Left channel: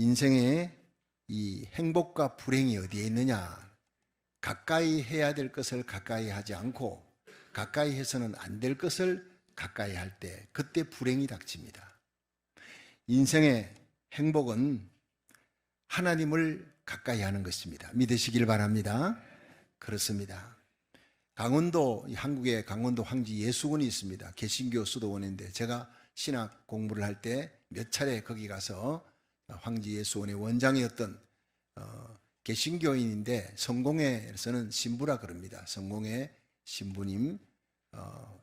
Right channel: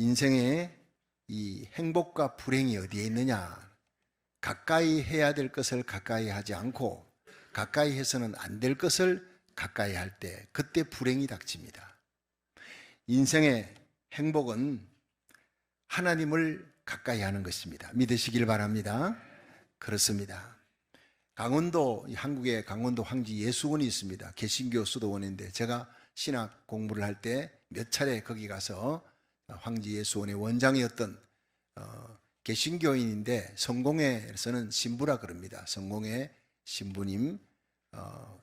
인생의 이 행복과 불행이 어디에 있느냐? 가까이 해야 될 것을 가까이 하지 않고 가까이 해서는 안 될 것을 가까이 할 때 그때 불행이 닥칩니다. 인생의 행복은 하나님을 가까이 하는 것입니다. 믿으시길 바랍니다. 그렇습니다. 강원도, 한국에 강원도 황지 예수원이 있습니다. 개신교 수도원인데 제가 신학 공부를 할 때 몇 차례 거기 가서 황지 예수원의 원장이었던 개신교인인데 성공회에서는 신부라 그럽니다. 성공회 신부님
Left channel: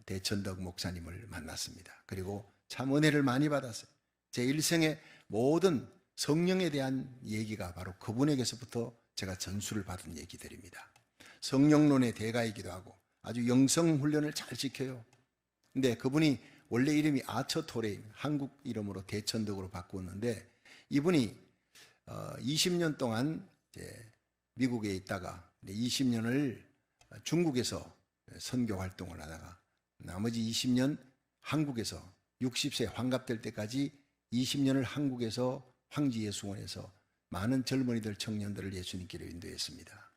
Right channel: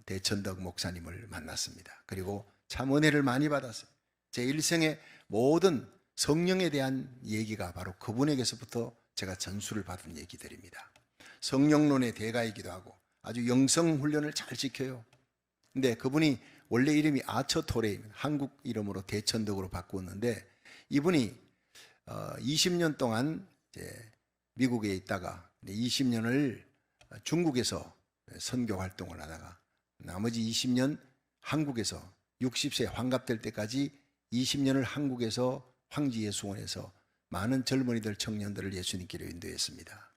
대천덕 목사님을 만났습니다. 그리고 참 은혜를 많이 받았어요. 제 일생의 모든 성령에 대한 얘기가 바로 그분에게서부터 제가 전수를 받은 얘기들입니다. 성령론의 대가이기도 하고 아주 영성 훈련을 잘 시켜요. 근데 그분이 원래 이름이 아처토레, 한국 이름으로 대천덕으로 바꾸었는데 이분이 20년 동안 이제 미국에 있다가 20년을 중국에서 선교 활동을 하다가 나머지 20년 한국에서 60세 환갑될 때까지 20년을 한국에서 황지예수원에서 많은 젊은이들, 청년들을 예수님께로 인도했습니다.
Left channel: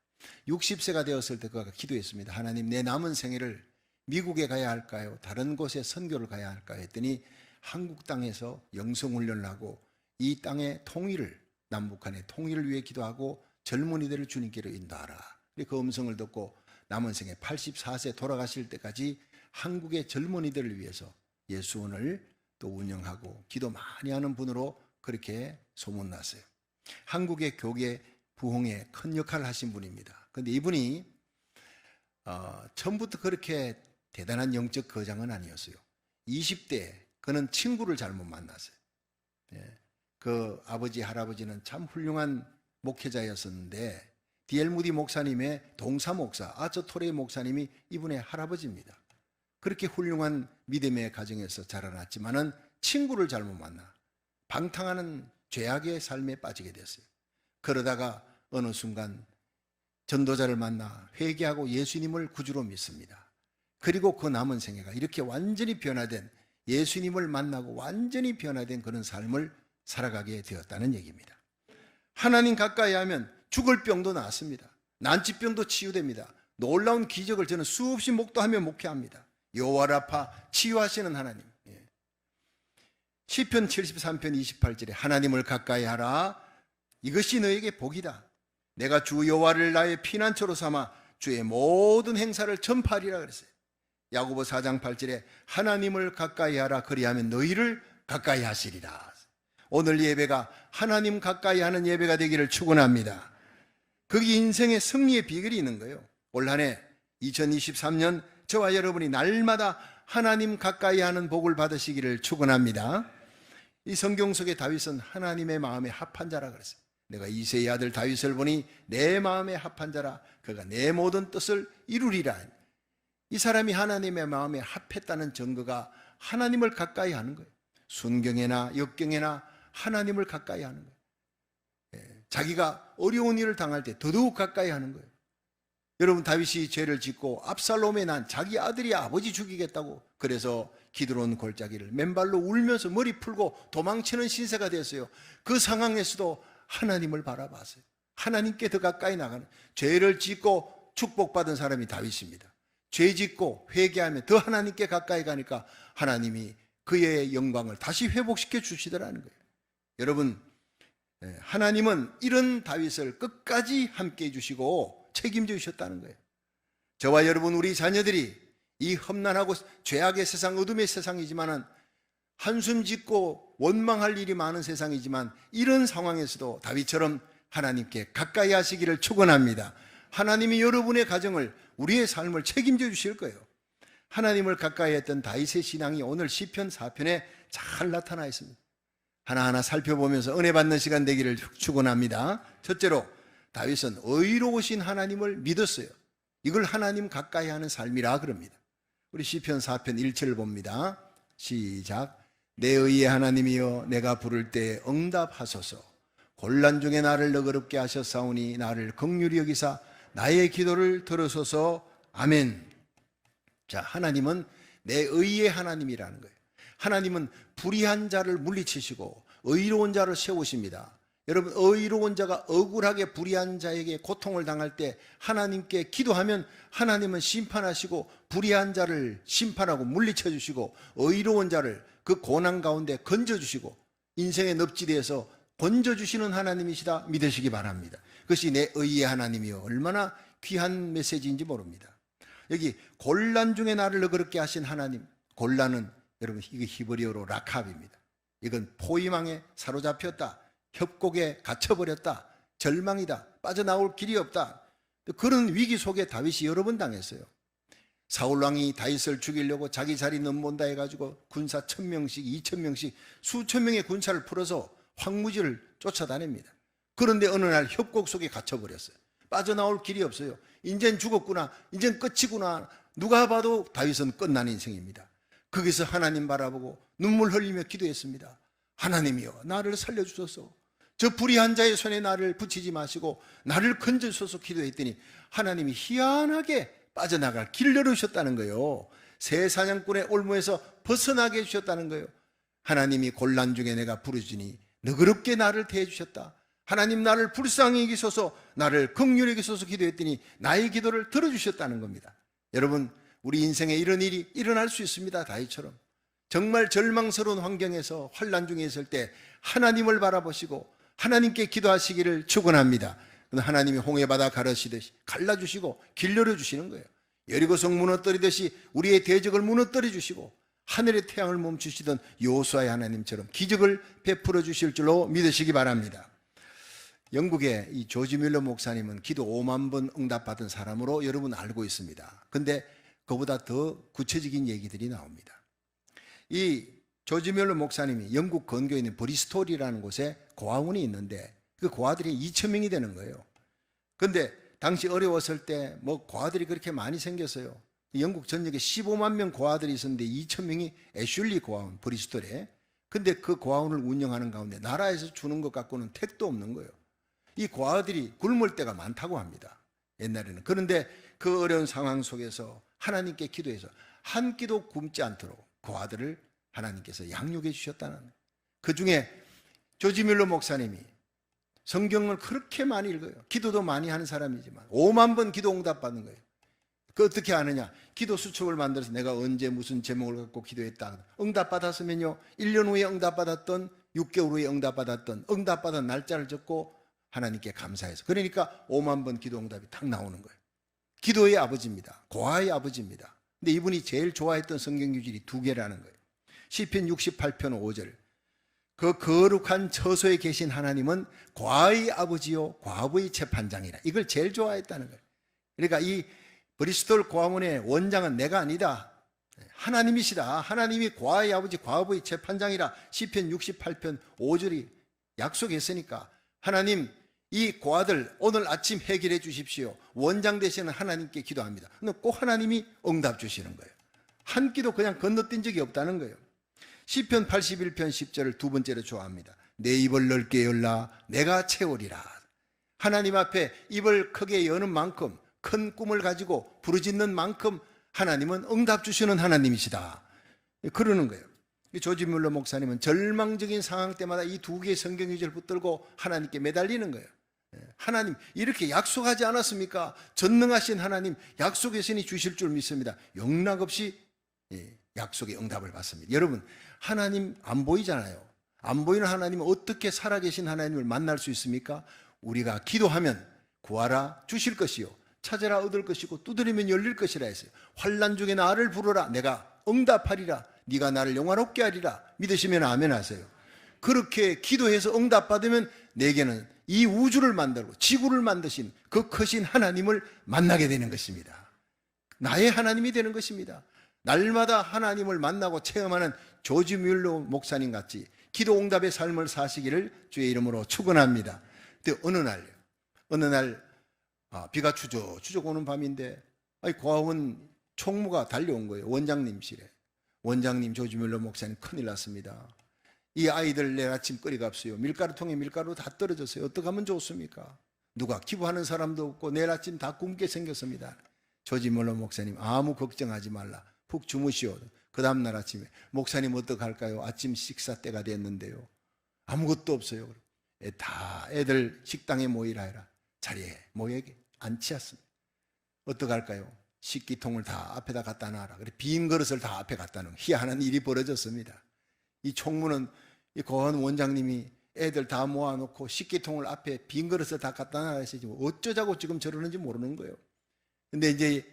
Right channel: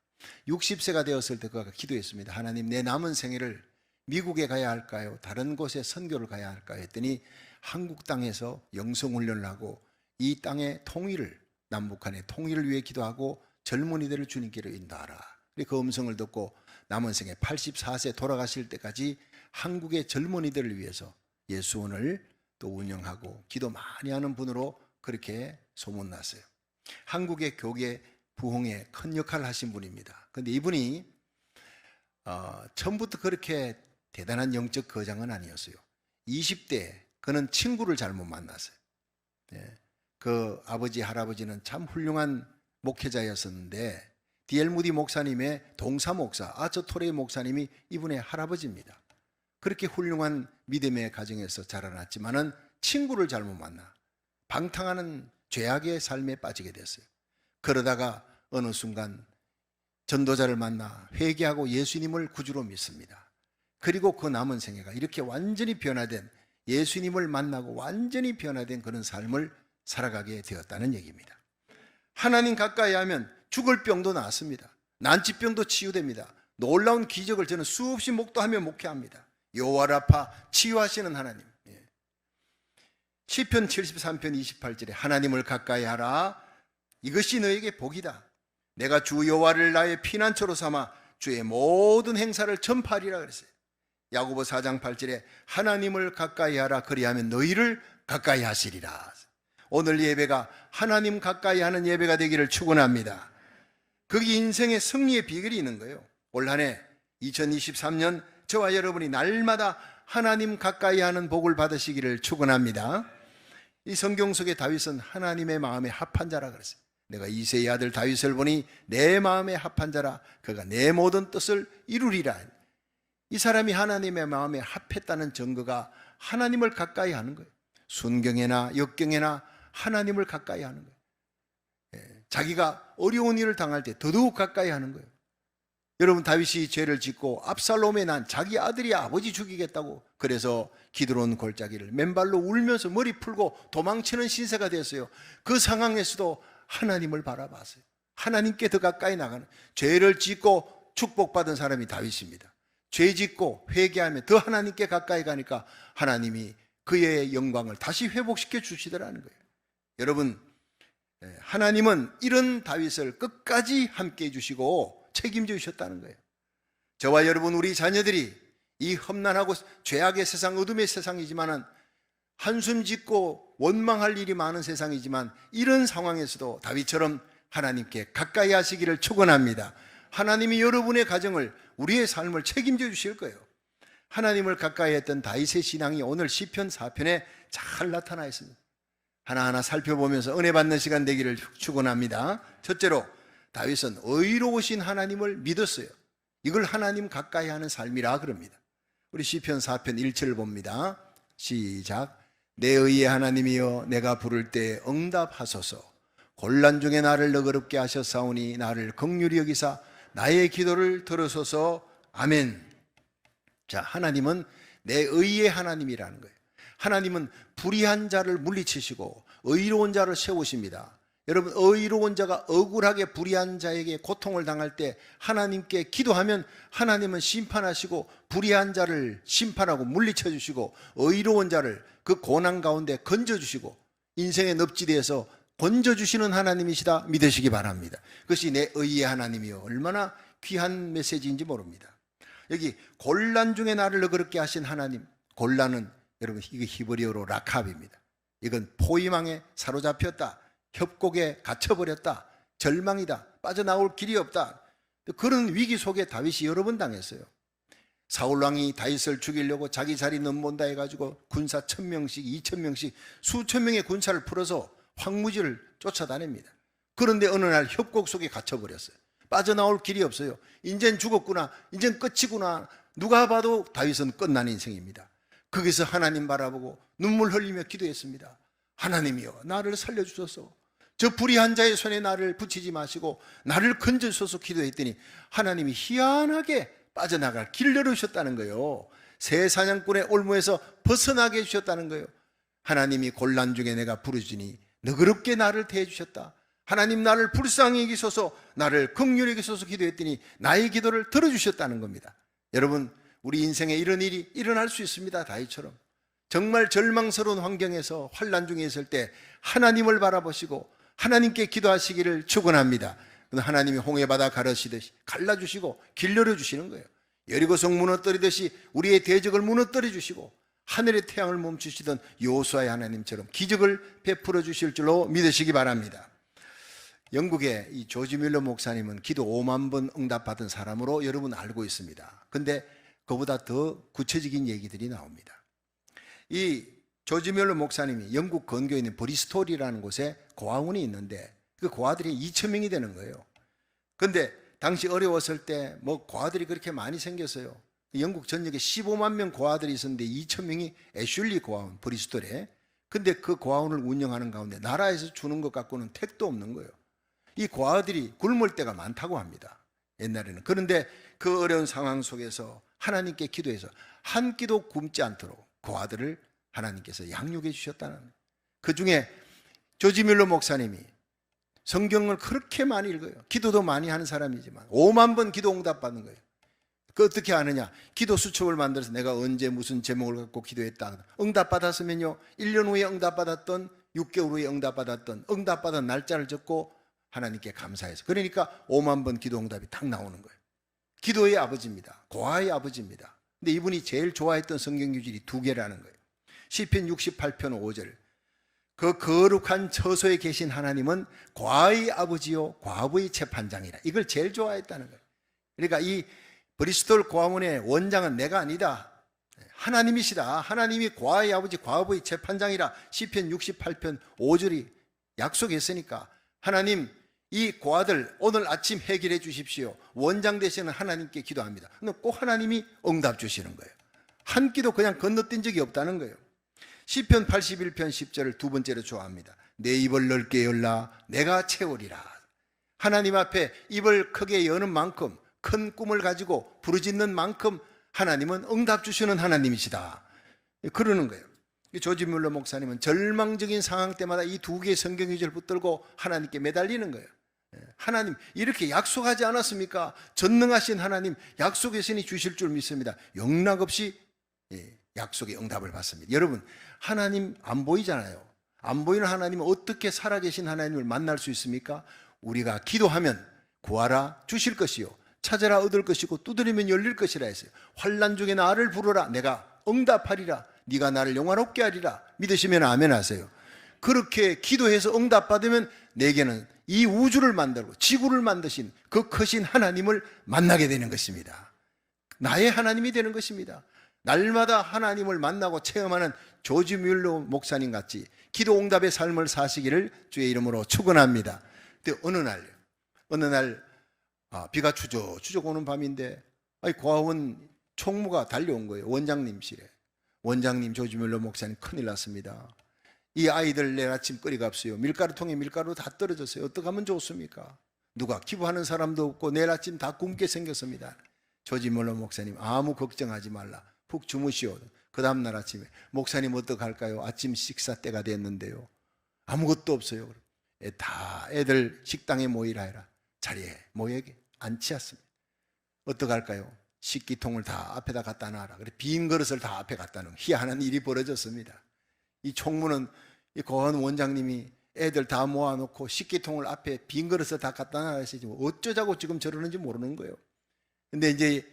60세가 되었을 때 그가 기도했습니다. 하나님, 내 남은 생애를 미국에 가야 할까요? 다른 곳에 선교를 가야 할까요? 했더니 한국 땅에서 영성훈련을 하고 이 땅의 통일을, 남북한의 통일을 위해 기도하고 젊은이들을 주님께로 인도하라. 그 음성을 듣고 남은 생애 84세 돌아가실 때까지 한국의 젊은이들을 위해서 예수원을 또 운영하고 기도 많이 하는 분으로 그렇게 소문났어요. 한국의 교계 부흥에 큰 역할을 하신 분입니다. 그런데 이분이 처음부터 그렇게 대단한 영적 거장은 아니었어요. 20대 그는 친구를 잘못 만났어요. 그 아버지, 할아버지는 참 훌륭한 목회자였었는데 D.L. 무디 목사님의 동사 목사, 아처토레 목사님이 이분의 할아버지입니다. 그렇게 훌륭한 믿음의 가정에서 자라났지만은 친구를 잘못 만나 방탕하는 죄악의 삶에 빠지게 됐어요. 그러다가 어느 순간 전도자를 만나 회개하고 예수님을 구주로 믿습니다. 그리고 그 남은 생애가 이렇게 완전히 변화된, 예수님을 만나고 완전히 변화된 그런 삶을 살아가게 되었다는 얘기입니다. 하나님 가까이 하면 죽을 병도 낫습니다. 난치병도 치유됩니다. 놀라운 기적을 저는 수없이 목도하며 목회합니다. 여호와라파, 치유하시는 하나님. 시편 73편 28절에 하나님을 가까이 하라. 이것이 너에게 복이다. 내가 주 여호와를 나의 피난처로 삼아 주의 모든 행사를 전파하리라 그랬어요. 야고보 4장 8절에 하나님을 가까이 하라. 그리하면 너희를 가까이 하시리라. 오늘 예배가 하나님 가까이 하는 예배가 되기를 축원합니다. 거기 인생의 승리의 비결이 있는 거예요. 올 한 해 2023년 저와 여러분이 날마다 하나님 가까이 하는 복을 받으시기를 축원합니다. 이 성경 속의 다윗은 하나님의 마음에 합한 자라 그랬어요. 내가 이새의 아들 다윗을 보니 내 마음에 합한 자라. 그가 내 모든 뜻을 이루리라. 이 사람이 하나님의 마음에 합했다는 증거가 하나님을 가까이 하는 거예요. 순경에나 역경에나 하나님을 가까이 하는 거예요. 자기가 어려운 일을 당할 때 더더욱 가까이 하는 거예요. 여러분, 다윗이 죄를 짓고 압살롬에 난 자기 아들이 아버지 죽이겠다고 그래서 기드론 골짜기를 맨발로 울면서 머리 풀고 도망치는 신세가 됐어요. 그 상황에서도 하나님을 바라봤어요. 하나님께 더 가까이 나가는, 죄를 짓고 축복받은 사람이 다윗입니다. 죄 짓고 회개하면 더 하나님께 가까이 가니까 하나님이 그의 영광을 다시 회복시켜 주시더라는 거예요. 여러분, 하나님은 이런 다윗을 끝까지 함께 해주시고 책임져 주셨다는 거예요. 저와 여러분, 우리 자녀들이 이 험난하고 죄악의 세상, 어둠의 세상이지만은 한숨 짓고 원망할 일이 많은 세상이지만 이런 상황에서도 다윗처럼 하나님께 가까이 하시기를 축원합니다. 하나님이 여러분의 가정을, 우리의 삶을 책임져 주실 거예요. 하나님을 가까이 했던 다윗의 신앙이 오늘 시편 4편에 잘 나타나 있습니다. 하나하나 살펴보면서 은혜 받는 시간 되기를 축원합니다. 첫째로 다윗은 의로우신 하나님을 믿었어요. 이걸 하나님 가까이 하는 삶이라 그럽니다. 우리 시편 4편 1절을 봅니다. 시작. 내 의의 하나님이여, 내가 부를 때 응답하소서. 곤란 중에 나를 너그럽게 하셨사오니 나를 긍휼히 여기사 나의 기도를 들으소서. 아멘. 자, 하나님은 내 의의 하나님이라는 거예요. 하나님은 불의한 자를 물리치시고 의로운 자를 세우십니다. 여러분, 의로운 자가 억울하게 불의한 자에게 고통을 당할 때 하나님께 기도하면 하나님은 심판하시고 불의한 자를 심판하고 물리쳐 주시고 의로운 자를 그 고난 가운데 건져주시고 인생의 늪지대에서 건져주시는 하나님이시다 믿으시기 바랍니다. 그것이 내 의의 하나님이요, 얼마나 귀한 메시지인지 모릅니다. 여기 곤란 중에 나를 너그럽게 하신 하나님, 곤란은 여러분 이거 히브리어로 라캅입니다. 이건 포위망에 사로잡혔다, 협곡에 갇혀버렸다, 절망이다, 빠져나올 길이 없다, 그런 위기 속에 다윗이 여러 번 당했어요. 사울왕이 다윗을 죽이려고 자기 자리 넘본다 해가지고 군사 1000명씩 2000명씩 수천 명의 군사를 풀어서 황무지를 쫓아다닙니다. 그런데 어느 날 협곡 속에 갇혀버렸어요. 빠져나올 길이 없어요. 인젠 죽었구나, 인젠 끝이구나. 누가 봐도 다윗은 끝난 인생입니다. 거기서 하나님 바라보고 눈물 흘리며 기도했습니다. 하나님이여, 나를 살려주소서. 저 불의한 자의 손에 나를 붙이지 마시고 나를 건져주소서 기도했더니 하나님이 희한하게 빠져나갈 길을 열어주셨다는 거예요. 새 사냥꾼의 올무에서 벗어나게 해주셨다는 거예요. 하나님이 곤란 중에 내가 부르짖으니 너그럽게 나를 대해주셨다. 하나님, 나를 불쌍히 여기소서, 나를 긍휼히 여기소서 기도했더니 나의 기도를 들어주셨다는 겁니다. 여러분, 우리 인생에 이런 일이 일어날 수 있습니다. 다윗처럼 정말 절망스러운 환경에서 환난 중에 있을 때 하나님을 바라보시고 하나님께 기도하시기를 축원합니다. 하나님이 홍해바다 가르시듯이 갈라주시고 길 열어주시는 거예요. 여리고성 무너뜨리듯이 우리의 대적을 무너뜨려 주시고 하늘의 태양을 멈추시던 여호수아의 하나님처럼 기적을 베풀어 주실 줄로 믿으시기 바랍니다. 영국의 이 조지 뮬러 목사님은 기도 5만 번 응답받은 사람으로 여러분 알고 있습니다. 근데 그보다 더 구체적인 얘기들이 나옵니다. 이 조지 뮬러 목사님이 영국 근교에 있는 브리스톨이라는 곳에 고아원이 있는데 그 고아들이 2,000명이 되는 거예요. 근데 당시 어려웠을 때 뭐 고아들이 그렇게 많이 생겼어요. 영국 전역에 15만 명 고아들이 있었는데 2,000명이 애슐리 고아원 브리스톨에. 근데 그 고아원을 운영하는 가운데 나라에서 주는 것 갖고는 택도 없는 거예요. 이 고아들이 굶을 때가 많다고 합니다, 옛날에는. 그런데 그 어려운 상황 속에서 하나님께 기도해서 한 끼도 굶지 않도록 고아들을 하나님께서 양육해 주셨다는 거예요. 그 중에 조지 뮬러 목사님이 성경을 그렇게 많이 읽어요. 기도도 많이 하는 사람이지만 5만 번 기도 응답받는 거예요. 그 어떻게 아느냐? 기도 수첩을 만들어서 내가 언제 무슨 제목을 갖고 기도했다, 응답받았으면요 1년 후에 응답받았던, 6개월 후에 응답받았던, 응답받은 날짜를 적고 하나님께 감사해서, 그러니까 5만 번 기도 응답이 딱 나오는 거예요. 기도의 아버지입니다. 고아의 아버지입니다. 근데 이분이 제일 좋아했던 성경 구절이 2개라는 거예요. 시편 68편 5절, 그 거룩한 처소에 계신 하나님은 과의 아버지요 과부의 재판장이라. 이걸 제일 좋아했다는 거예요. 그러니까 이 브리스톨 고아원의 원장은 내가 아니다, 하나님이시다. 하나님이 과의 아버지 과부의 재판장이라 시편 68편 5절이 약속했으니까 하나님, 이 고아들 오늘 아침 해결해 주십시오. 원장 되시는 하나님께 기도합니다. 근데 꼭 하나님이 응답 주시는 거예요. 한 끼도 그냥 건너뛴 적이 없다는 거예요. 시편 81편 10절을 두 번째로 좋아합니다. 내 입을 넓게 열라 내가 채우리라. 하나님 앞에 입을 크게 여는 만큼, 큰 꿈을 가지고 부르짖는 만큼 하나님은 응답 주시는 하나님이시다, 그러는 거예요. 조지 뮬러 목사님은 절망적인 상황 때마다 이 2개의 성경 구절을 붙들고 하나님께 매달리는 거예요. 하나님, 이렇게 약속하지 않았습니까? 전능하신 하나님 약속했으니 주실 줄 믿습니다. 영락없이 약속의 응답을 받습니다. 여러분, 하나님 안 보이잖아요. 안 보이는 하나님은 어떻게 살아계신 하나님을 만날 수 있습니까? 우리가 기도하면 구하라 주실 것이요 찾아라 얻을 것이고 두드리면 열릴 것이라 했어요. 환난 중에 나를 부르라 내가 응답하리라. 네가 나를 영화롭게 하리라. 믿으시면 아멘 하세요. 그렇게 기도해서 응답받으면 내게는 이 우주를 만들고 지구를 만드신 그 크신 하나님을 만나게 되는 것입니다. 나의 하나님이 되는 것입니다. 날마다 하나님을 만나고 체험하는 조지 뮬러 목사님 같이 기도 응답의 삶을 사시기를 주의 이름으로 축원합니다. 근데 어느 날 비가 추적추적 오는 밤인데 고아원 총무가 달려온 거예요. 원장님실에. 원장님, 조지 뮬러 목사님 큰일 났습니다. 이 아이들 내일 아침 끓여갑시요. 밀가루통에 밀가루 다 떨어졌어요. 어떻게 하면 좋습니까? 누가 기부하는 사람도 없고 내일 아침 다 굶게 생겼습니다. 조지 뮬러 목사님, 아무 걱정하지 말라. 푹 주무시오. 그 다음날 아침에 목사님 어떡할까요? 아침 식사 때가 됐는데요. 아무것도 없어요. 다 애들 식당에 모이라 해라. 자리에 모여 앉히었습니다. 어떡할까요? 식기통을 다 앞에다 갖다 놔라. 그래 빈 그릇을 다 앞에 갖다 놓은 희한한 일이 벌어졌습니다. 이 총무는 이 고한 원장님이 애들 다 모아놓고 식기통을 앞에 빈 그릇을 다 갖다 놔라 했지 어쩌자고 지금 저러는지 모르는 거예요. 근데 이제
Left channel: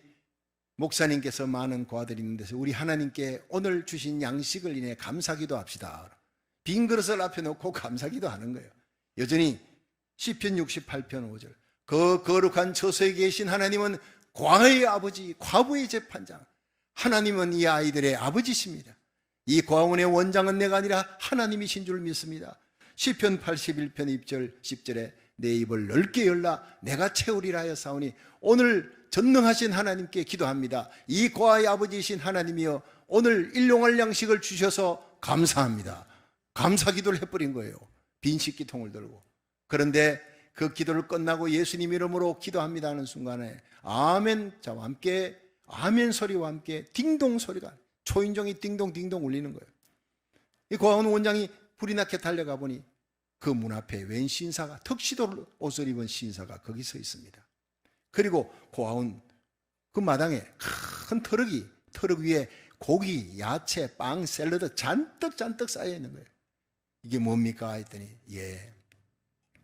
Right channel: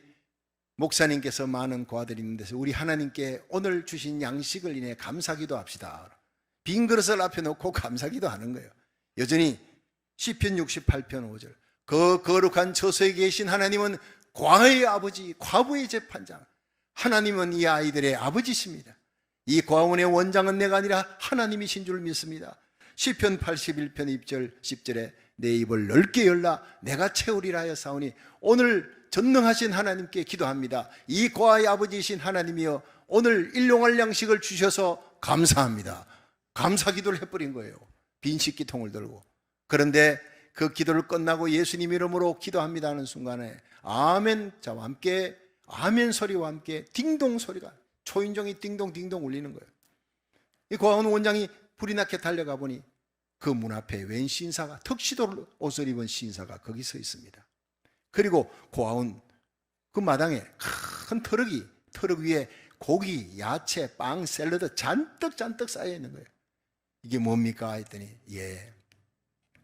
목사님께서 많은 고아들이 있는 데서 우리 하나님께 오늘 주신 양식을 인해 감사기도 합시다. 빈 그릇을 앞에 놓고 감사기도 하는 거예요. 여전히 시편 68편 5절 그 거룩한 처소에 계신 하나님은 고아의 아버지, 과부의 재판장. 하나님은 이 아이들의 아버지십니다. 이 고아원의 원장은 내가 아니라 하나님이신 줄 믿습니다. 시편 81편 2절 10절에 내 입을 넓게 열라 내가 채우리라 하였사오니 오늘 전능하신 하나님께 기도합니다. 이 고아의 아버지이신 하나님이여 오늘 일용할 양식을 주셔서 감사합니다. 감사 기도를 해버린 거예요. 빈 식기통을 들고. 그런데 그 기도를 끝나고 예수님 이름으로 기도합니다 하는 순간에 아멘 자와 함께 아멘 소리와 함께 딩동 소리가 초인종이 딩동딩동 울리는 거예요. 이 고아원 원장이 불이 나게 달려가 보니 그 문 앞에 웬 신사가 턱시도 옷을 입은 신사가 거기 서 있습니다. 그리고 고아원 그 마당에 큰 트럭 위에 고기, 야채, 빵, 샐러드 잔뜩 쌓여 있는 거예요. 이게 뭡니까 했더니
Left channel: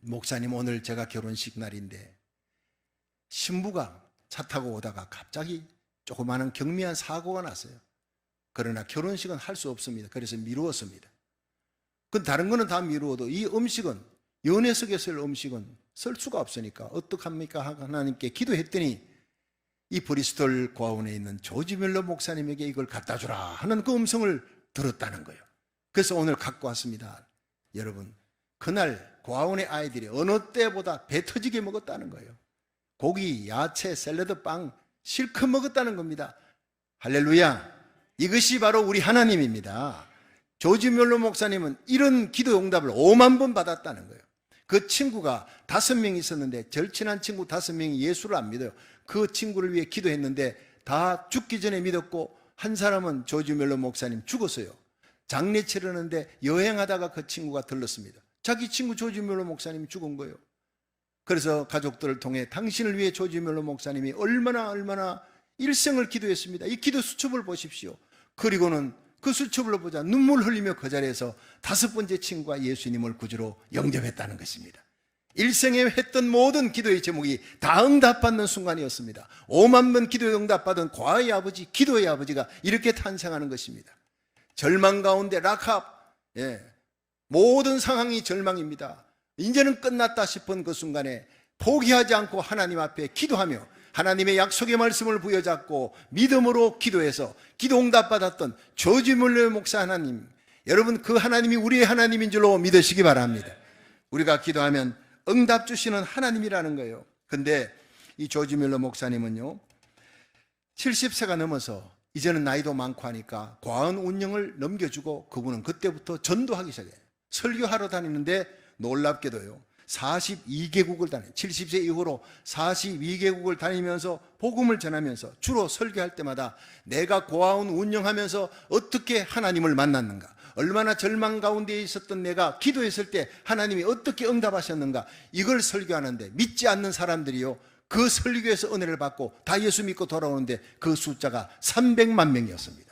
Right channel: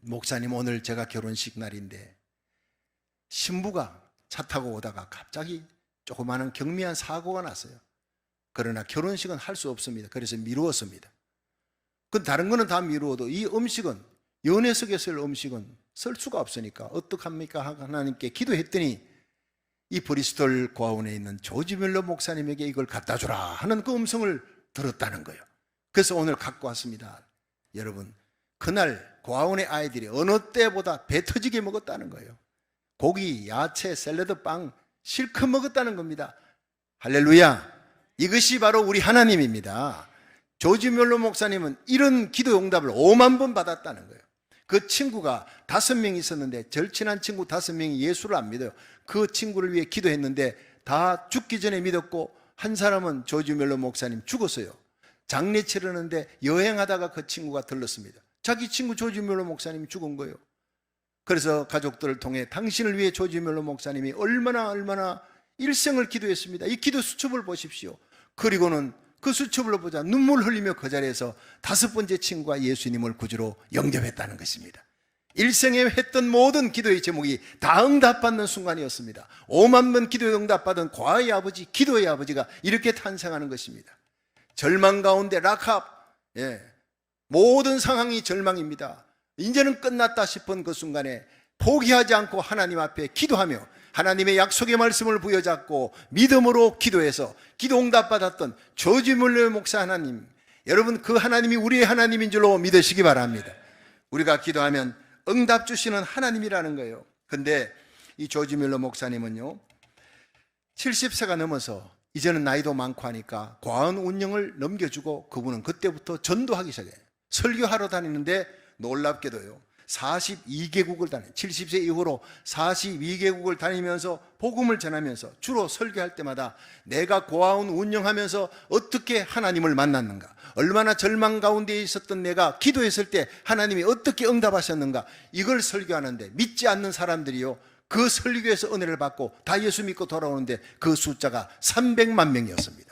목사님 오늘 제가 결혼식 날인데 신부가 차 타고 오다가 갑자기 조그마한 경미한 사고가 났어요. 그러나 결혼식은 할 수 없습니다. 그래서 미루었습니다. 다른 거는 다 미루어도 이 음식은 연회석에 쓸 음식은 쓸 수가 없으니까 어떡합니까? 하나님께 기도했더니 이 브리스톨 고아원에 있는 조지 뮬러 목사님에게 이걸 갖다 주라 하는 그 음성을 들었다는 거예요. 그래서 오늘 갖고 왔습니다. 여러분 그날 고아원의 아이들이 어느 때보다 배 터지게 먹었다는 거예요. 고기, 야채, 샐러드, 빵 실컷 먹었다는 겁니다. 할렐루야. 이것이 바로 우리 하나님입니다. 조지 뮬러 목사님은 이런 기도 응답을 5만 번 받았다는 거예요. 그 친구가 5명 있었는데 절친한 친구 5명이 예수를 안 믿어요. 그 친구를 위해 기도했는데 다 죽기 전에 믿었고 한 사람은 조지 뮬러 목사님 죽었어요. 장례 치르는데 여행하다가 그 친구가 들렀습니다. 자기 친구 조지 뮬러 목사님이 죽은 거예요. 그래서 가족들을 통해 당신을 위해 조지 뮬러 목사님이 얼마나 일생을 기도했습니다. 이 기도 수첩을 보십시오. 그리고는 그 수첩을 보자 눈물 흘리며 그 자리에서 5번째 친구가 예수님을 구주로 영접했다는 것입니다. 일생에 했던 모든 기도의 제목이 다 응답받는 순간이었습니다. 5만 번 기도에 응답받은 고아의 아버지, 기도의 아버지가 이렇게 탄생하는 것입니다. 절망 가운데 라캅, 모든 상황이 절망입니다. 이제는 끝났다 싶은 그 순간에 포기하지 않고 하나님 앞에 기도하며 하나님의 약속의 말씀을 부여잡고 믿음으로 기도해서 기도 응답받았던 조지 뮬러 목사 하나님, 여러분 그 하나님이 우리의 하나님인 줄로 믿으시기 바랍니다. 우리가 기도하면 응답 주시는 하나님이라는 거예요. 근데 이 조지 뮬러 목사님은요 70세가 넘어서 이제는 나이도 많고 하니까 고아원 운영을 넘겨주고 그분은 그때부터 전도하기 시작해요. 설교하러 다니는데 놀랍게도요 42개국을 다녀요. 70세 이후로 42개국을 다니면서 복음을 전하면서 주로 설교할 때마다 내가 고아원 운영하면서 어떻게 하나님을 만났는가, 얼마나 절망 가운데 있었던 내가 기도했을 때 하나님이 어떻게 응답하셨는가, 이걸 설교하는데 믿지 않는 사람들이요 그 설교에서 은혜를 받고 다 예수 믿고 돌아오는데 그 숫자가 300만 명이었습니다.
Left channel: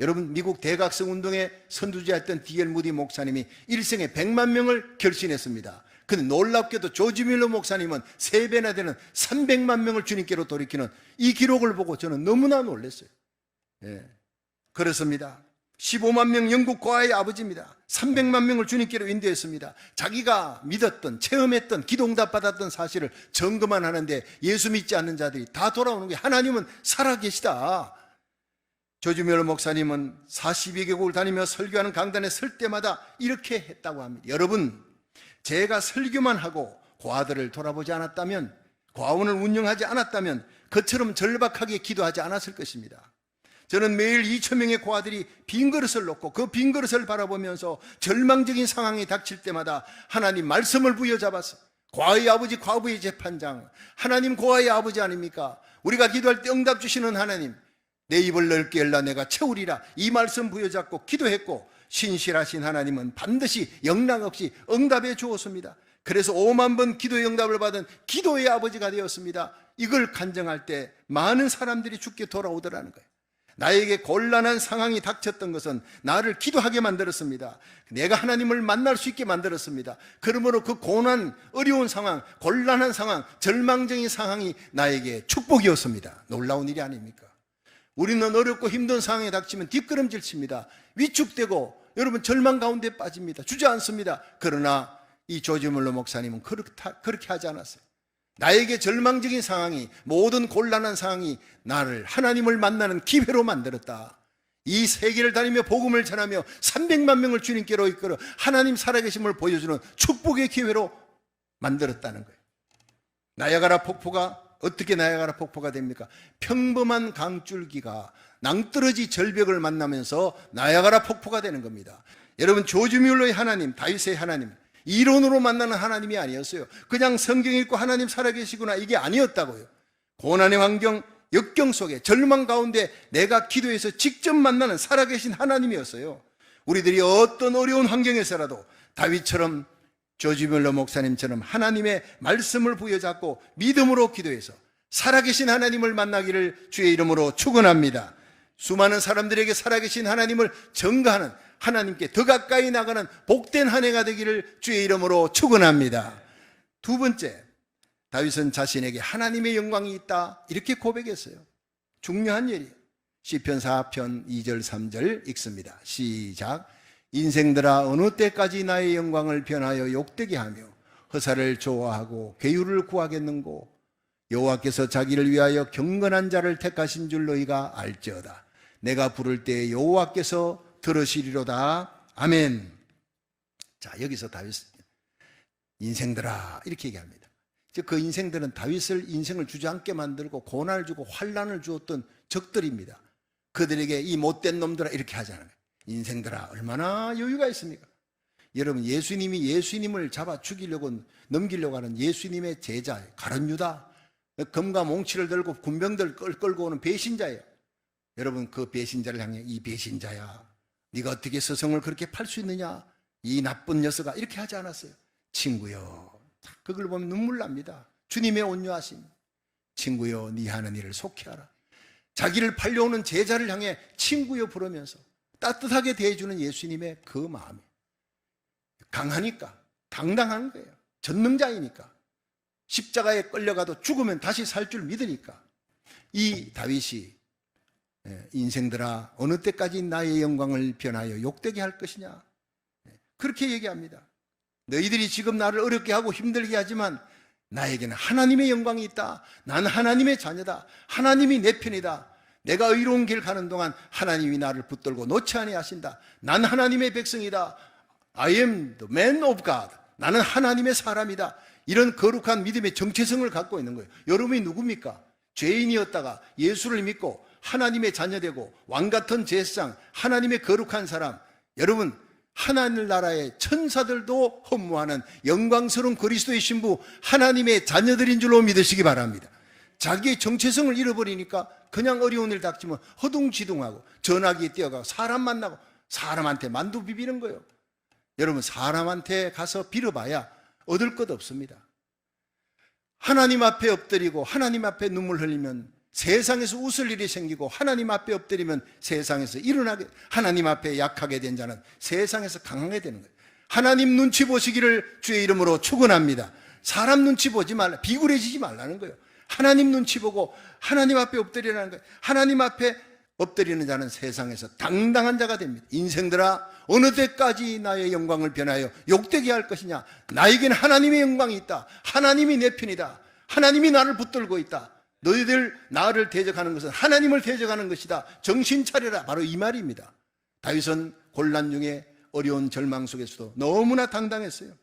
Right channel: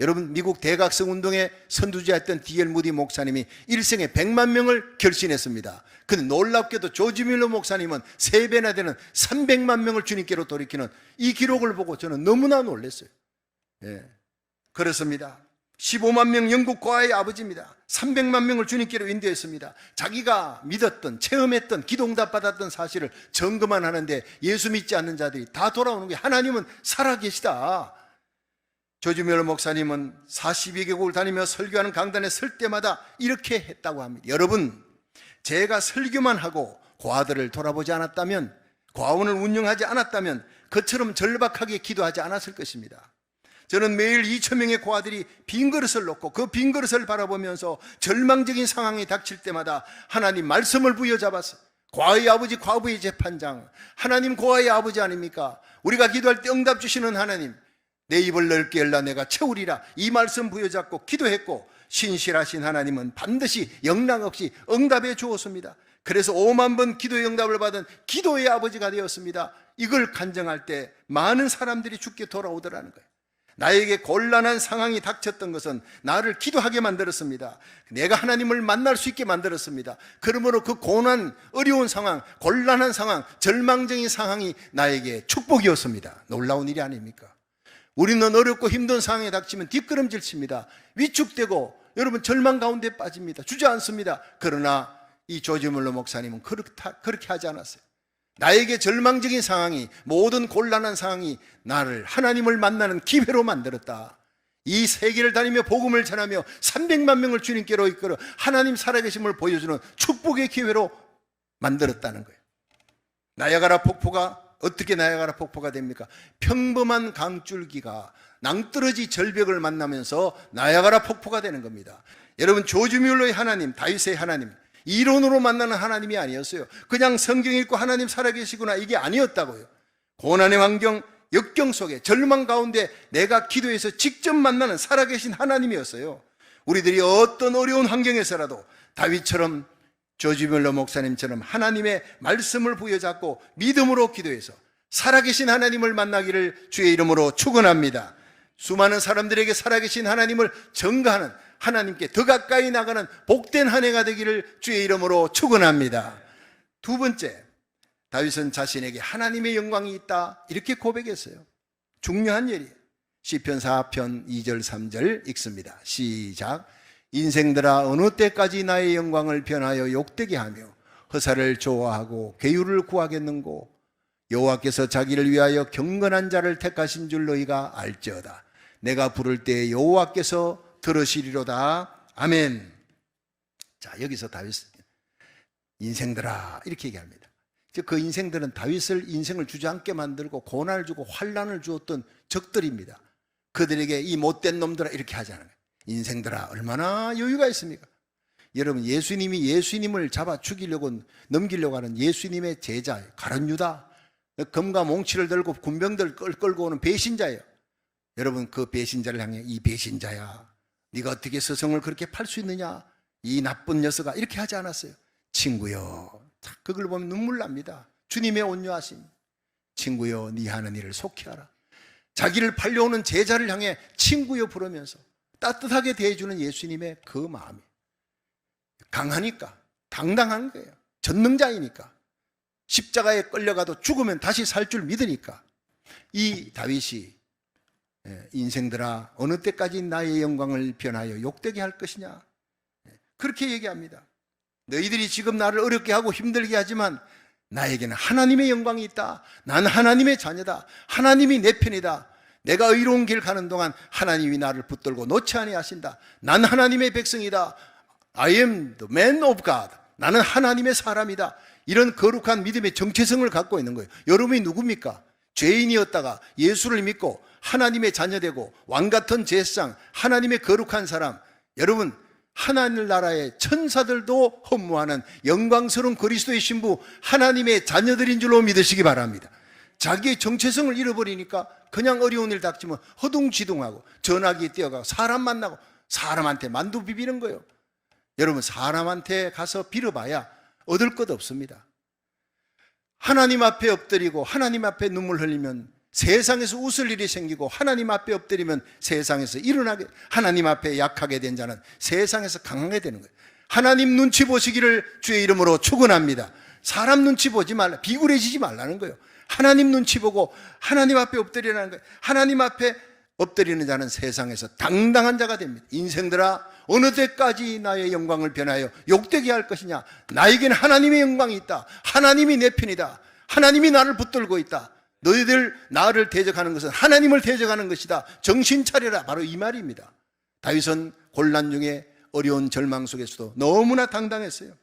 여러분 미국 대각성 운동에 선두주자였던 D.L. 무디 목사님이 일생에 100만 명을 결신했습니다. 근데 놀랍게도 조지 뮬러 목사님은 3배나 되는 300만 명을 주님께로 돌이키는 이 기록을 보고 저는 너무나 놀랐어요. 그렇습니다. 15만 명 영국 고아의 아버지입니다. 300만 명을 주님께로 인도했습니다. 자기가 믿었던, 체험했던, 기도응답 받았던 사실을 점검만 하는데 예수 믿지 않는 자들이 다 돌아오는 거예요. 하나님은 살아계시다. 조지 뮬러 목사님은 42개국을 다니며 설교하는 강단에 설 때마다 이렇게 했다고 합니다. 여러분, 제가 설교만 하고 고아들을 돌아보지 않았다면, 고아원을 운영하지 않았다면 그처럼 절박하게 기도하지 않았을 것입니다. 저는 매일 2,000명의 고아들이 빈 그릇을 놓고 그 빈 그릇을 바라보면서 절망적인 상황이 닥칠 때마다 하나님 말씀을 부여잡았어요. 고아의 아버지, 과부의 재판장, 하나님 고아의 아버지 아닙니까? 우리가 기도할 때 응답 주시는 하나님, 내 입을 넓게 열라 내가 채우리라, 이 말씀 부여잡고 기도했고 신실하신 하나님은 반드시 영락 없이 응답해 주었습니다. 그래서 5만 번 기도의 응답을 받은 기도의 아버지가 되었습니다. 이걸 간증할 때 많은 사람들이 주께 돌아오더라는 거예요. 나에게 곤란한 상황이 닥쳤던 것은 나를 기도하게 만들었습니다. 내가 하나님을 만날 수 있게 만들었습니다. 그러므로 그 고난, 어려운 상황, 곤란한 상황, 절망적인 상황이 나에게 축복이었습니다. 놀라운 일이 아닙니까? 우리는 어렵고 힘든 상황에 닥치면 뒷걸음질 칩니다. 위축되고 여러분 절망 가운데 빠집니다. 주저앉습니다. 그러나 이 조지 뮬러 목사님은 그렇게 하지 않았어요. 나에게 절망적인 상황이, 모든 곤란한 상황이 나를 하나님을 만나는 기회로 만들었다. 이 세계를 다니며 복음을 전하며 300만 명을 주님께로 이끌어 하나님 살아계심을 보여주는 축복의 기회로 만들었다는 거예요. 나야가라 폭포가 어떻게 나야가라 폭포가 됩니까? 평범한 강줄기가 낭떠러지 절벽을 만나면서 나야가라 폭포가 되는 겁니다. 여러분, 조지 뮬러의 하나님, 다윗의 하나님, 이론으로 만나는 하나님이 아니었어요. 그냥 성경 읽고 하나님 살아계시구나, 이게 아니었다고요. 고난의 환경, 역경 속에 절망 가운데 내가 기도해서 직접 만나는 살아계신 하나님이었어요. 우리들이 어떤 어려운 환경에서라도 다윗처럼, 조지 뮬러 목사님처럼 하나님의 말씀을 부여잡고 믿음으로 기도해서 살아계신 하나님을 만나기를 주의 이름으로 축원합니다. 수많은 사람들에게 살아계신 하나님을 증거하는, 하나님께 더 가까이 나가는 복된 한 해가 되기를 주의 이름으로 축원합니다. 두 번째, 다윗은 자신에게 하나님의 영광이 있다, 이렇게 고백했어요. 중요한 일이에요. 시편 4편 2절 3절 읽습니다. 시작. 인생들아, 어느 때까지 나의 영광을 변하여 욕되게 하며 허사를 좋아하고 괴유를 구하겠는고? 여호와께서 자기를 위하여 경건한 자를 택하신 줄 너희가 알지어다. 내가 부를 때 여호와께서 들으시리로다. 아멘. 자, 여기서 다윗, 인생들아, 이렇게 얘기합니다. 그 인생들은 다윗을 인생을 주저앉게 만들고 고난을 주고 환난을 주었던 적들입니다. 그들에게 이 못된 놈들아, 이렇게 하잖아요. 인생들아, 얼마나 여유가 있습니까? 여러분, 예수님을 잡아 죽이려고, 넘기려고 하는 예수님의 제자 가룟 유다, 검과 몽치를 들고 군병들 끌고 오는 배신자예요. 여러분, 그 배신자를 향해, 이 배신자야, 네가 어떻게 스승을 그렇게 팔 수 있느냐, 이 나쁜 녀석아, 이렇게 하지 않았어요. 친구여, 그걸 보면 눈물 납니다. 주님의 온유하심. 친구여, 네 하는 일을 속히하라. 자기를 팔려오는 제자를 향해 친구여 부르면서 따뜻하게 대해주는 예수님의 그 마음이 강하니까, 당당한 거예요. 전능자이니까, 십자가에 끌려가도 죽으면 다시 살 줄 믿으니까. 이 다윗이 인생들아, 어느 때까지 나의 영광을 변하여 욕되게 할 것이냐, 그렇게 얘기합니다. 너희들이 지금 나를 어렵게 하고 힘들게 하지만 나에게는 하나님의 영광이 있다. 난 하나님의 자녀다. 하나님이 내 편이다. 내가 의로운 길 가는 동안 하나님이 나를 붙들고 놓지 아니하신다. 난 하나님의 백성이다. I am the man of God. 나는 하나님의 사람이다. 이런 거룩한 믿음의 정체성을 갖고 있는 거예요. 여러분이 누굽니까? 죄인이었다가 예수를 믿고 하나님의 자녀되고 왕같은 제사장, 하나님의 거룩한 사람. 여러분, 하나님 나라의 천사들도 헌무하는 영광스러운 그리스도의 신부, 하나님의 자녀들인 줄로 믿으시기 바랍니다. 자기의 정체성을 잃어버리니까 그냥 어려운 일 닥치면 허둥지둥하고 전화기에 뛰어가고 사람 만나고 사람한테 만두 비비는 거예요. 여러분, 사람한테 가서 빌어봐야 얻을 것 없습니다. 하나님 앞에 엎드리고 하나님 앞에 눈물 흘리면 세상에서 웃을 일이 생기고, 하나님 앞에 엎드리면 세상에서 일어나게, 하나님 앞에 약하게 된 자는 세상에서 강하게 되는 거예요. 하나님 눈치 보시기를 주의 이름으로 축원합니다. 사람 눈치 보지 말라, 비굴해지지 말라는 거예요. 하나님 눈치 보고 하나님 앞에 엎드리라는 거예요. 하나님 앞에 엎드리는 자는 세상에서 당당한 자가 됩니다. 인생들아, 어느 때까지 나의 영광을 변하여 욕되게 할 것이냐? 나에게는 하나님의 영광이 있다. 하나님이 내 편이다. 하나님이 나를 붙들고 있다. 너희들 나를 대적하는 것은 하나님을 대적하는 것이다. 정신 차려라. 바로 이 말입니다. 다윗은 곤란 중에, 어려운 절망 속에서도 너무나 당당했어요.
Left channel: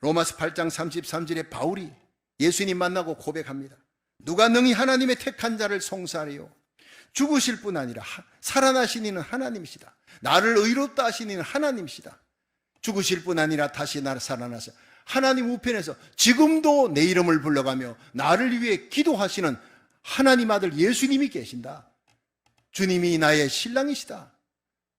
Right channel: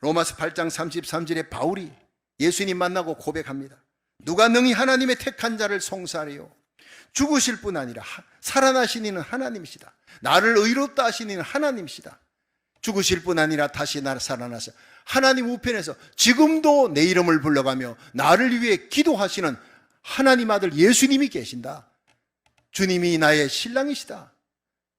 로마서 8장 33절에 바울이 예수님 만나고 고백합니다. 누가 능히 하나님의 택한 자를 송사하리요? 죽으실 뿐 아니라 살아나신 이는 하나님이시다. 나를 의롭다 하신 이는 하나님이시다. 죽으실 뿐 아니라 다시 나를 살아나서 하나님 우편에서 지금도 내 이름을 불러가며 나를 위해 기도하시는 하나님 아들 예수님이 계신다. 주님이 나의 신랑이시다.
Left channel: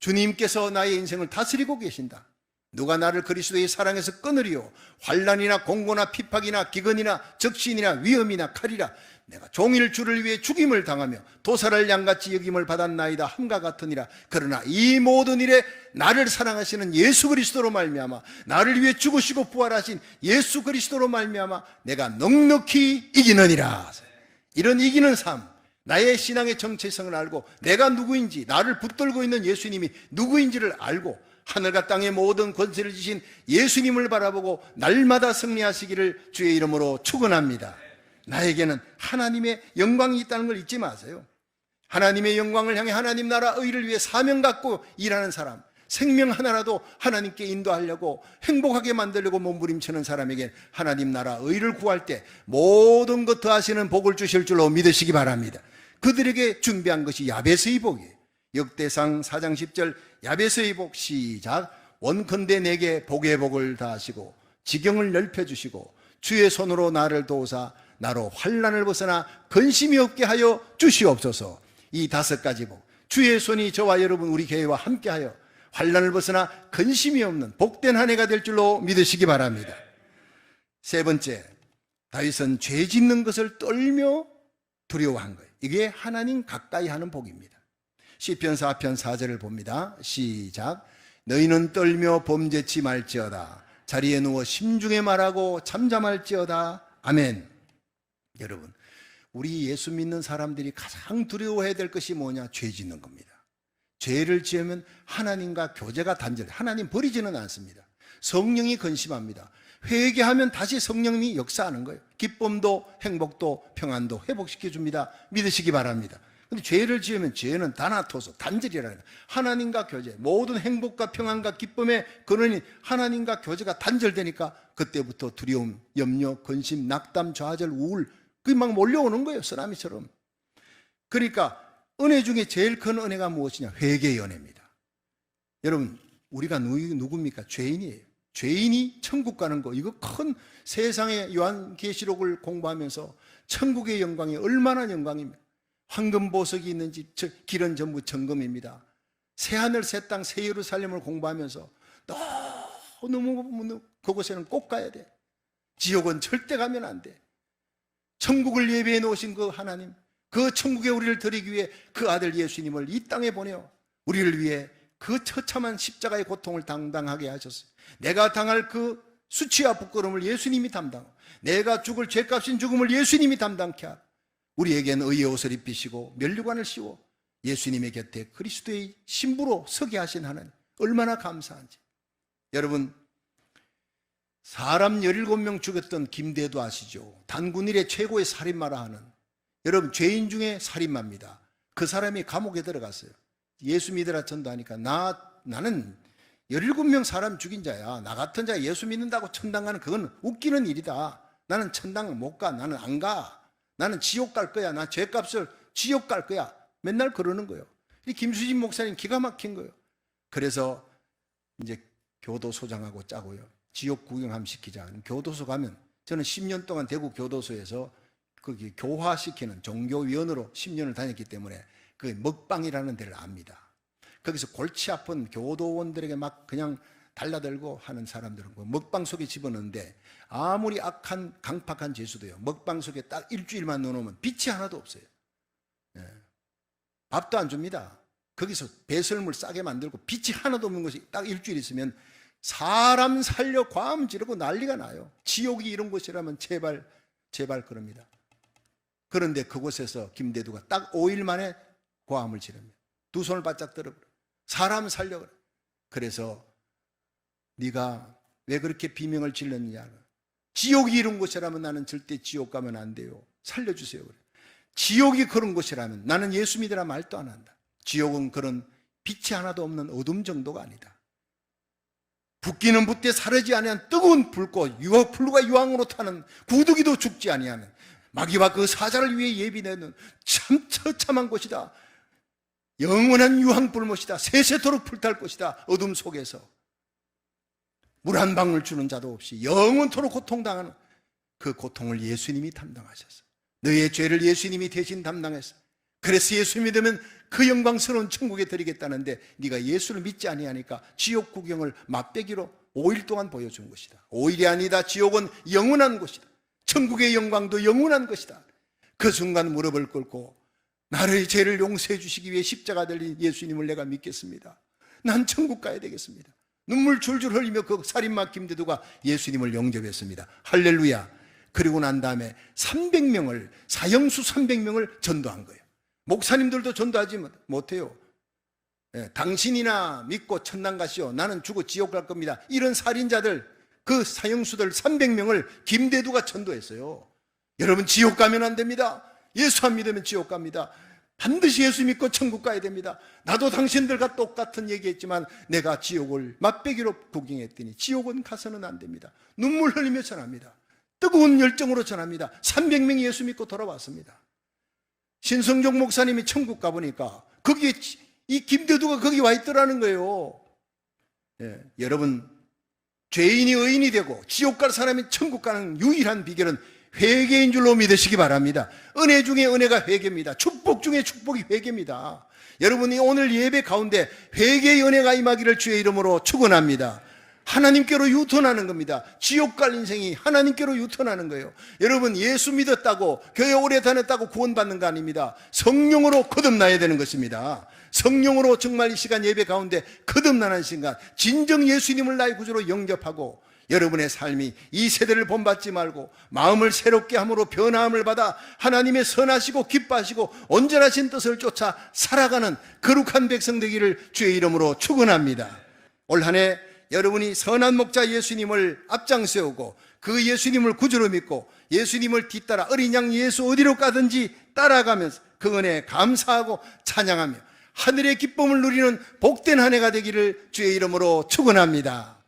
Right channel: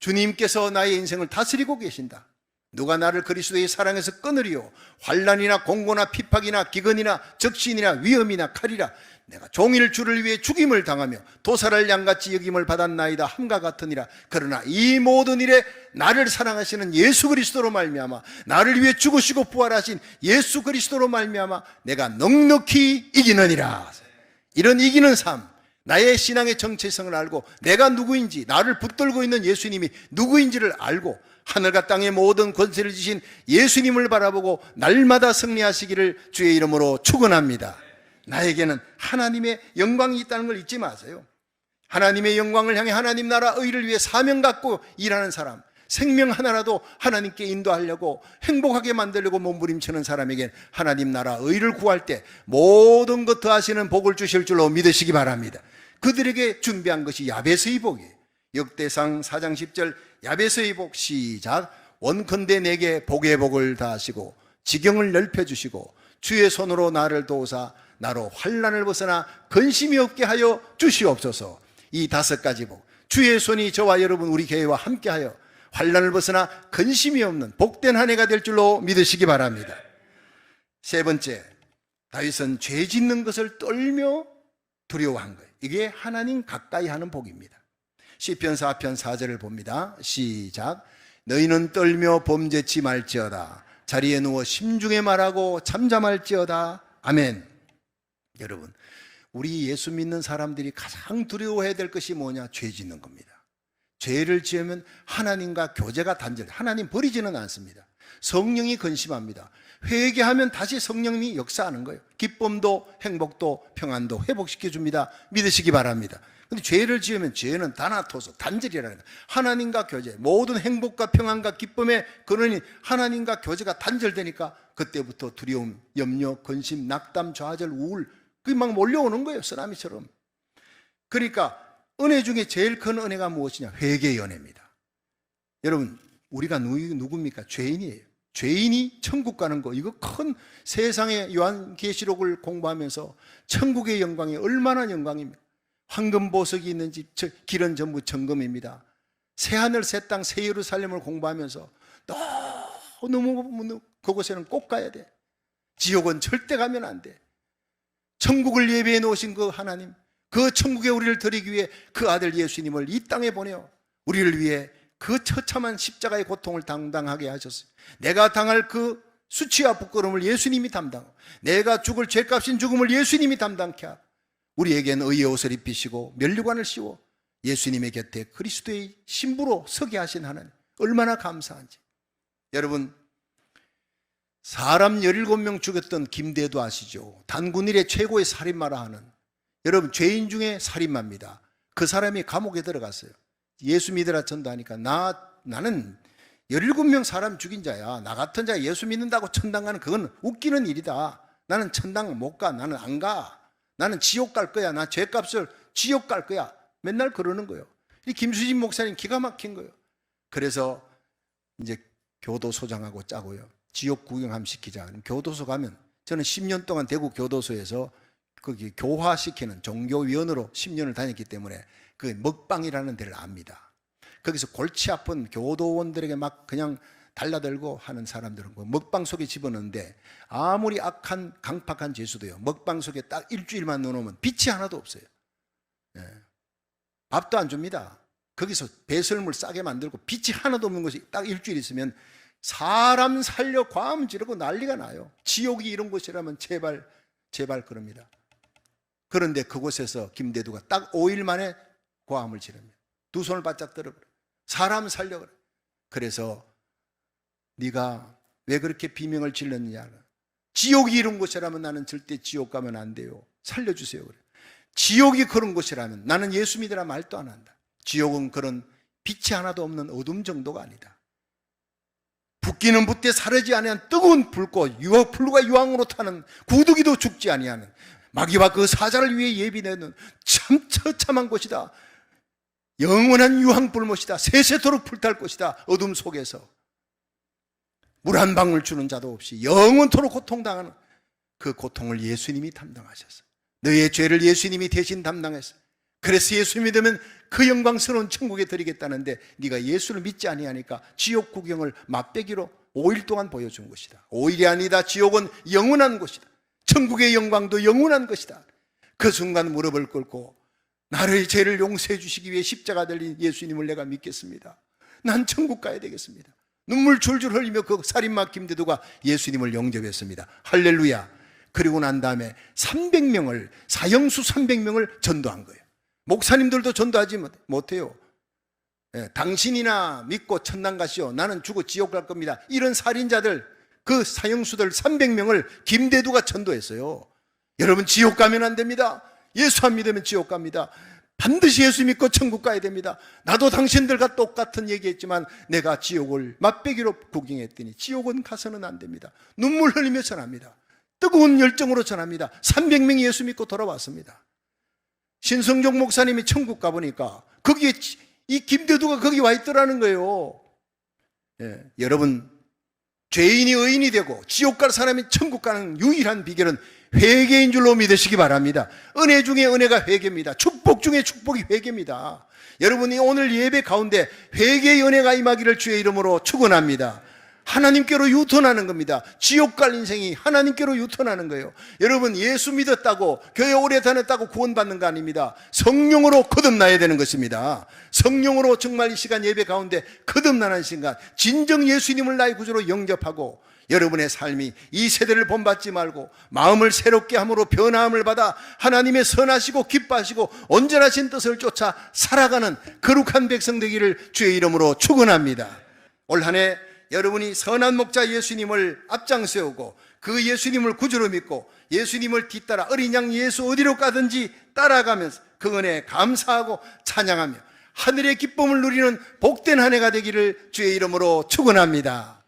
주님께서 나의 인생을 다스리고 계신다. 누가 나를 그리스도의 사랑에서 끊으리요? 환난이나 공고나 핍박이나 기근이나 적신이나 위험이나 칼이라. 내가 종일 주를 위해 죽임을 당하며 도살할 양같이 여김을 받았나이다 함과 같으니라. 그러나 이 모든 일에 나를 사랑하시는 예수 그리스도로 말미암아, 나를 위해 죽으시고 부활하신 예수 그리스도로 말미암아 내가 넉넉히 이기느니라. 이런 이기는 삶, 나의 신앙의 정체성을 알고 내가 누구인지, 나를 붙들고 있는 예수님이 누구인지를 알고 하늘과 땅의 모든 권세를 주신 예수님을 바라보고 날마다 승리하시기를 주의 이름으로 축원합니다. 나에게는 하나님의 영광이 있다는 걸 잊지 마세요. 하나님의 영광을 향해 하나님 나라 의를 위해 사명 갖고 일하는 사람, 생명 하나라도 하나님께 인도하려고 행복하게 만들려고 몸부림치는 사람에겐 하나님 나라 의를 구할 때 모든 것 더하시는 복을 주실 줄로 믿으시기 바랍니다. 그들에게 준비한 것이 야베스의 복이에요. 역대상 4장 10절 야베스의 복 시작. 원컨대 내게 복의 복을 다하시고 지경을 넓혀주시고 주의 손으로 나를 도우사 나로 환난을 벗어나 근심이 없게 하여 주시옵소서. 이 5가지 복, 주의 손이 저와 여러분 우리 교회와 함께하여 환난을 벗어나 근심이 없는 복된 한 해가 될 줄로 믿으시기 바랍니다. 세 번째, 다윗은 죄 짓는 것을 떨며 두려워한 거예요. 이게 하나님 가까이 하는 복입니다. 시편 4편 4절을 봅니다. 시작. 너희는 떨며 범죄치 말지어다. 자리에 누워 심중에 말하고 잠잠할지어다. 아멘. 여러분, 우리 예수 믿는 사람들이 가장 두려워해야 될 것이 뭐냐? 죄 짓는 겁니다. 죄를 지으면 하나님과 교제가 단절, 하나님 버리지는 않습니다. 성령이 근심합니다. 회개하면 다시 성령이 역사하는 거예요. 기쁨도 행복도 평안도 회복시켜 줍니다. 믿으시기 바랍니다. 근데 죄를 지으면 죄는 다나토소, 단절이라는 거예요. 하나님과 교제, 모든 행복과 평안과 기쁨의 근원이 하나님과 교제가 단절되니까 그때부터 두려움, 염려, 근심, 낙담, 좌절, 우울 그게 막 몰려오는 거예요. 쓰나미처럼. 그러니까 은혜 중에 제일 큰 은혜가 무엇이냐? 회개의 은혜입니다. 여러분, 우리가 누굽니까? 죄인이에요. 죄인이 천국 가는 거, 이거 큰 세상의 요한계시록을 공부하면서 천국의 영광이 얼마나 영광입니다. 황금보석이 있는 집, 길은 전부 정금입니다. 새하늘 새 땅 새 예루살렘을 공부하면서 너무 그곳에는 꼭 가야 돼. 지옥은 절대 가면 안 돼. 천국을 예비해 놓으신 그 하나님, 그 천국에 우리를 드리기 위해 그 아들 예수님을 이 땅에 보내어 우리를 위해 그 처참한 십자가의 고통을 당당하게 하셨어요. 내가 당할 그 수치와 부끄러움을 예수님이 담당, 내가 죽을 죄값인 죽음을 예수님이 담당케 하고 우리에게는 의의 옷을 입히시고 면류관을 씌워 예수님의 곁에 그리스도의 신부로 서게 하신 하나님, 얼마나 감사한지. 여러분, 사람 17명 죽였던 김대도 아시죠? 단군 일의 최고의 살인마라 하는, 여러분, 죄인 중에 살인마입니다. 그 사람이 감옥에 들어갔어요. 예수 믿으라 전도하니까 나는 17명 사람 죽인 자야. 나 같은 자가 예수 믿는다고 천당 가는 그건 웃기는 일이다. 나는 천당 못 가. 나는 안 가. 나는 지옥 갈 거야. 나 죄값을 지옥 갈 거야. 맨날 그러는 거예요. 이 김수진 목사님 기가 막힌 거예요. 그래서 이제 교도소장하고 짜고요. 지옥 구경함 시키자. 교도소 가면, 저는 10년 동안 대구 교도소에서 거기 교화시키는 종교위원으로 10년을 다녔기 때문에 그 먹방이라는 데를 압니다. 거기서 골치 아픈 교도원들에게 막 그냥 달라들고 하는 사람들은 그 먹방 속에 집어넣는데, 아무리 악한 강팍한 죄수도요, 먹방 속에 딱 일주일만 넣어놓으면 빛이 하나도 없어요. 네. 밥도 안 줍니다. 거기서 배설물 싸게 만들고 빛이 하나도 없는 것이 딱 일주일 있으면 사람 살려 과음 지르고 난리가 나요. 지옥이 이런 곳이라면 제발 그럽니다. 그런데 그곳에서 김대두가 딱 5일 만에 과음을 지릅니다. 두 손을 바짝 들어 사람 살려 그래. 그래서 네가 왜 그렇게 비명을 질렀느냐. 지옥이 이런 곳이라면 나는 절대 지옥 가면 안 돼요. 살려주세요. 그래. 지옥이 그런 곳이라면 나는 예수 믿으라 말도 안 한다. 지옥은 그런 빛이 하나도 없는 어둠 정도가 아니다. 붓기는 붓되 사르지 아니한 뜨거운 불꽃, 불과 유황으로 타는 구두기도 죽지 아니하는 마귀와 그 사자를 위해 예비되는 참 처참한 곳이다. 영원한 유황불못이다. 세세토록 불탈 것이다. 어둠 속에서 물 한 방울 주는 자도 없이 영원토록 고통당하는 그 고통을 예수님이 담당하셨어요. 너희의 죄를 예수님이 대신 담당했어요. 그래서 예수 믿으면 그 영광스러운 천국에 드리겠다는데 네가 예수를 믿지 아니하니까 지옥 구경을 맛배기로 5일 동안 보여준 것이다. 5일이 아니다. 지옥은 영원한 곳이다. 천국의 영광도 영원한 것이다. 그 순간 무릎을 꿇고 나의 죄를 용서해 주시기 위해 십자가 들린 예수님을 내가 믿겠습니다. 난 천국 가야 되겠습니다. 눈물 줄줄 흘리며 그 살인마 김대두가 예수님을 영접했습니다. 할렐루야. 그리고 난 다음에 300명을, 사형수 300명을 전도한 거예요. 목사님들도 전도하지 못해요. 당신이나 믿고 천당 가시오. 나는 죽어 지옥 갈 겁니다. 이런 살인자들, 그 사형수들 300명을 김대두가 전도했어요. 여러분, 지옥 가면 안 됩니다. 예수 안 믿으면 지옥 갑니다. 반드시 예수 믿고 천국 가야 됩니다. 나도 당신들과 똑같은 얘기했지만 내가 지옥을 맛배기로 구경했더니 지옥은 가서는 안 됩니다. 눈물 흘리며 전합니다. 뜨거운 열정으로 전합니다. 300명이 예수 믿고 돌아왔습니다. 신성종 목사님이 천국 가보니까 거기에 이 김대두가 거기 와 있더라는 거예요. 여러분, 죄인이 의인이 되고 지옥 갈 사람이 천국 가는 유일한 비결은 회개인 줄로 믿으시기 바랍니다. 은혜 중에 은혜가 회개입니다. 축복 중에 축복이 회개입니다. 여러분이 오늘 예배 가운데 회개의 은혜가 임하기를 주의 이름으로 축원합니다. 하나님께로 유턴하는 겁니다. 지옥 갈 인생이 하나님께로 유턴하는 거예요. 여러분, 예수 믿었다고 교회 오래 다녔다고 구원받는 거 아닙니다. 성령으로 거듭나야 되는 것입니다. 성령으로 정말 이 시간 예배 가운데 거듭나는 순간 진정 예수님을 나의 구주로 영접하고 여러분의 삶이 이 세대를 본받지 말고 마음을 새롭게 함으로 변화함을 받아 하나님의 선하시고 기뻐하시고 온전하신 뜻을 쫓아 살아가는 거룩한 백성 되기를 주의 이름으로 축원합니다. 올 한 해 여러분이 선한 목자 예수님을 앞장세우고 그 예수님을 구주로 믿고 예수님을 뒤따라 어린 양 예수 어디로 가든지 따라가면서 그 은혜에 감사하고 찬양하며 하늘의 기쁨을 누리는 복된 한 해가 되기를 주의 이름으로 축원합니다.